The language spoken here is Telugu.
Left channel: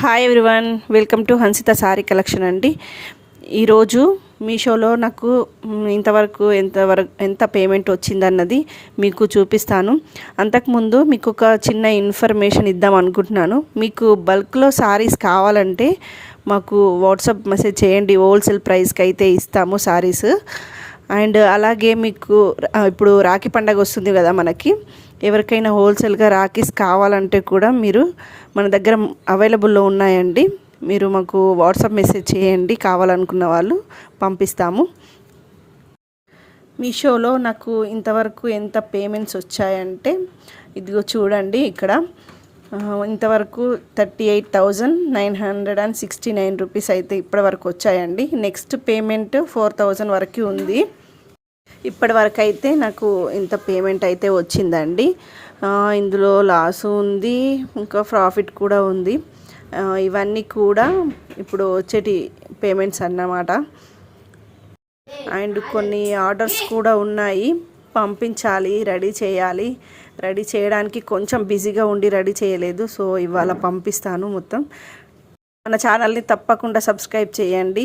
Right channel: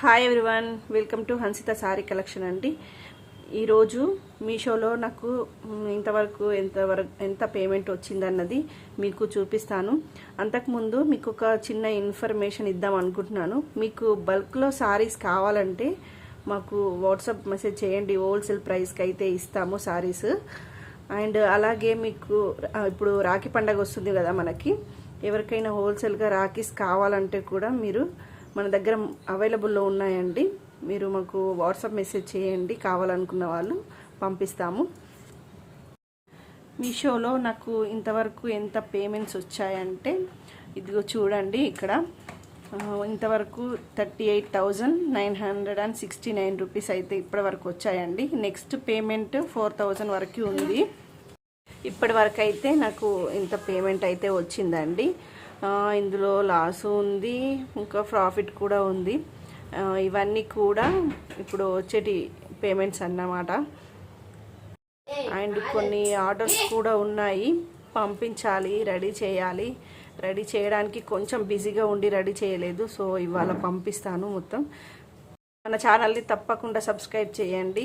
Hi everyone, welcome to Hansitha sorry collection అండి. ఈరోజు మీషోలో నాకు ఎంత పేమెంట్ వచ్చిందన్నది మీకు చూపిస్తాను. అంతకుముందు మీకు ఒక చిన్న ఇన్ఫర్మేషన్ ఇద్దాం అనుకుంటున్నాను. మీకు బల్క్లో సారీస్ కావాలంటే మాకు వాట్సాప్ మెసేజ్ చేయండి. హోల్సేల్ ప్రైస్కి అయితే ఇస్తాము సారీస్. అండ్ అలాగే మీకు ఇప్పుడు రాఖీ పండగ వస్తుంది కదా, మనకి ఎవరికైనా హోల్సేల్గా రాఖీస్ కావాలంటే కూడా మీరు మన దగ్గర అవైలబుల్లో ఉన్నాయండి. మీరు మాకు వాట్సాప్ మెసేజ్ చేయండి, కావాలనుకున్న వాళ్ళు పంపిస్తాము. మీషోలో నాకు ఇంతవరకు ఎంత పేమెంట్స్ వచ్చాయంటే ఇదిగో చూడండి, ఇక్కడ ఇంతవరకు 38,969 రూపీస్ అయితే ఇప్పటి వరకు వచ్చాయండి. నెక్స్ట్ పేమెంట్ 4,000 వరకు ఉంది. ఇప్పటి వరకు అయితే నాకు ఇంత పేమెంట్ అయితే వచ్చిందండి. ఇందులో లాస్ ఉంది, ఇంకా ప్రాఫిట్ కూడా ఉంది. ఇవన్నీ కూడా ఇప్పుడు వచ్చేటి పేమెంట్స్ అన్నమాట. అండ్ కొన్ని ఆర్డర్స్ కూడా ఉన్నాయి, పంపించాలి, రెడీ చేయాలి. రెడీ చేయడానికి కొంచెం బిజీగా ఉండి రెడీ చేయలేదు. సో ఇవాళ పంపిస్తాను మొత్తం. మన ఛానల్ని తప్పకుండా సబ్స్క్రైబ్ చేయండి.